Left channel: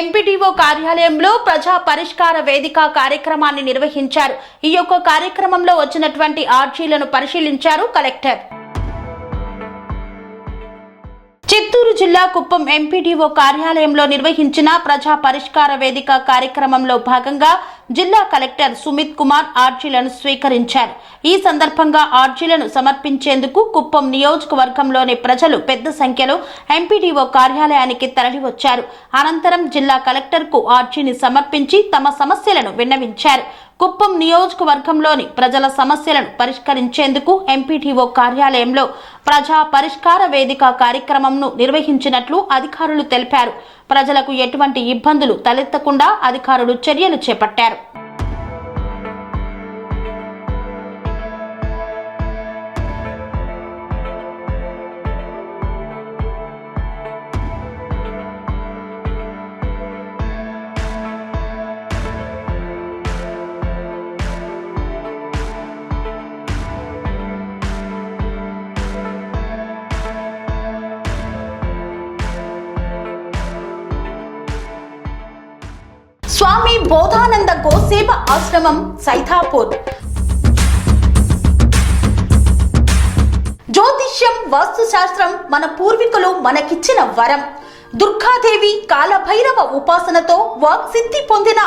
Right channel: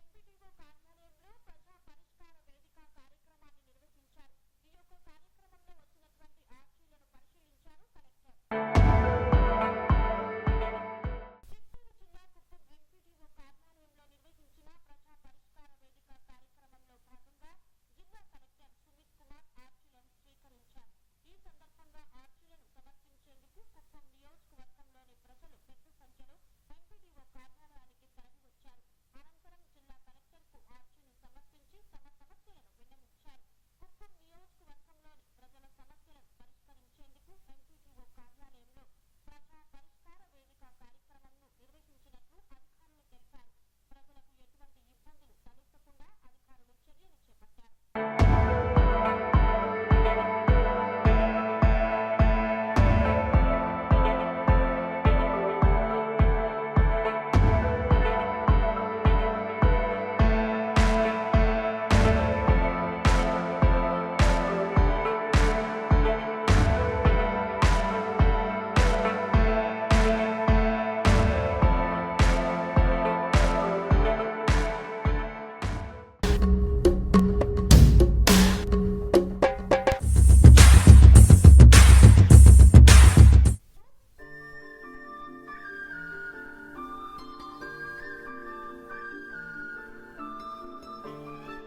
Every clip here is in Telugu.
ఎంపీడీఓ కార్యాలయంలో ప్రజా పరిష్కార వేదిక కార్యక్రమాన్ని నిర్వహించారు. ఈ యొక్క కార్యక్రమంలో వచ్చినటువంటి ఆర్జీలను పరిశీలించారు కలెక్టర్. చిత్తూరు జిల్లా కుప్పం ఎంపీడీఓ కార్యాలయంలో నిర్వహించిన ప్రజా పరిష్కార వేదిక కార్యక్రమంలో భాగంగా జిల్లా కలెక్టర్ సుమిత్ కుమార్ ఆర్జీలను స్వీకరించారు. ఈ సందర్భంగా ఆర్జీలను సమర్పించేందుకు కుప్పం నియోజకవర్గంలోని ప్రజలు పెద్ద సంఖ్యలో ఎంపీడీఓ కార్యాలయానికి తరలివచ్చారు. అనంతరం జిల్లా కలెక్టర్ కు ఆర్జీని సమర్పించి తమ సమస్యలను విన్నవించారు. కుప్పం నియోజకవర్గంలోని ప్రజల సమస్యలను పరిష్కరించేందుకు ఎంపీడీఓ కార్యాలయంలో ప్రజా పరిష్కార వేదిక కార్యక్రమంను నిర్వహించినట్లు అధికారులు తెలిపారు. ప్రజలకు ఎటువంటి ఇబ్బందులు తలెత్తకుండా అధికారులు చర్యలు చేపట్టారు. స్వామి బోధానంద గోసేవ ఆశ్రమం సైథాపూర్. జ్యోతిష్యం, వాస్తుశాస్త్రం మన పూర్వీకులు మనకిచ్చిన వరం. దుర్గాదేవి, కాలభైరవ ఉపాసనతో వాక్సిద్ధి పొందిన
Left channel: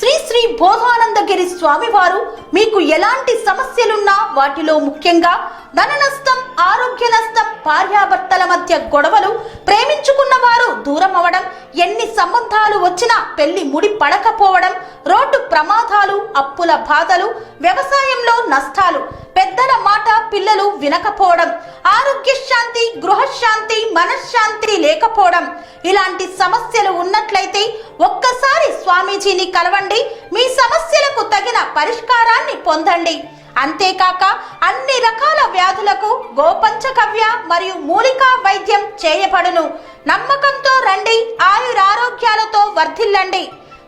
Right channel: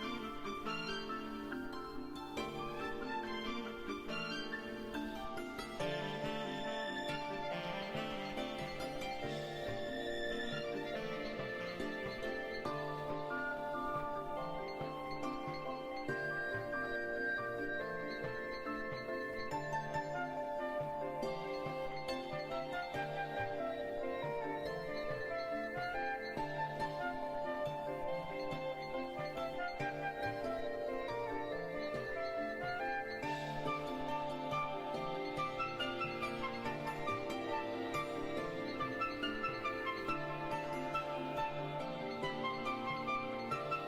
శ్రీ శ్రీ బోధానందగిరి స్వామివారు మీకు ఎలాంటి సమస్యలున్నా, వాటిలో ముఖ్యంగా ధన నష్టం, ఆరోగ్య నష్టం, భార్యాభర్తల మధ్య గొడవలు, ప్రేమించుకున్న వారు దూరం అవడం, ఎన్ని సంబంధాలు వచ్చినా పెళ్లి ముడి పడకపోవడం, రోడ్డు ప్రమాదాలు, అప్పుల బాధలు, వ్యవసాయంలో నష్టాలు, పెద్దల మాట పిల్లలు వినకపోవడం, ఆరోగ్య శాంతి, గృహశాంతి, మనశ్శాంతి లేకపోవడం, ఇలాంటి సమస్యలు ఉన్నట్లయితే ఒక్కసారి స్వామీజీని కలవండి. మీ సమస్యలకు తగిన పరిష్కారాన్ని పొందండి. అంతేకాక అన్ని రకాల వ్యాధులకు గోపంచకవ్య మరియు మూలికా వైద్యం చేయబడును. నమ్మకంతో రండి, ఆయురారోగ్యాలతో వర్ధిల్లండి.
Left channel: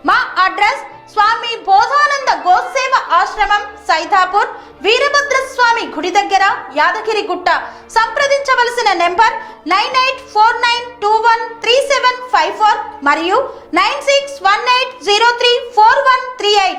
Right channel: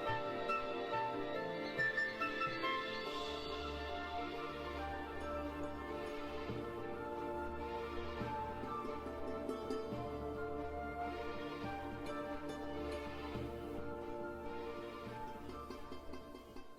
మా అడ్రస్ స్వామి బోధానంద గోసేవ ఆశ్రమం, సైథాపూర్, వీరభద్రస్వామి గుడి దగ్గర, యాదగిరిగుట్ట. సంప్రదించవలసిన నెంబర్ 9849213754 మరియు 9618034138.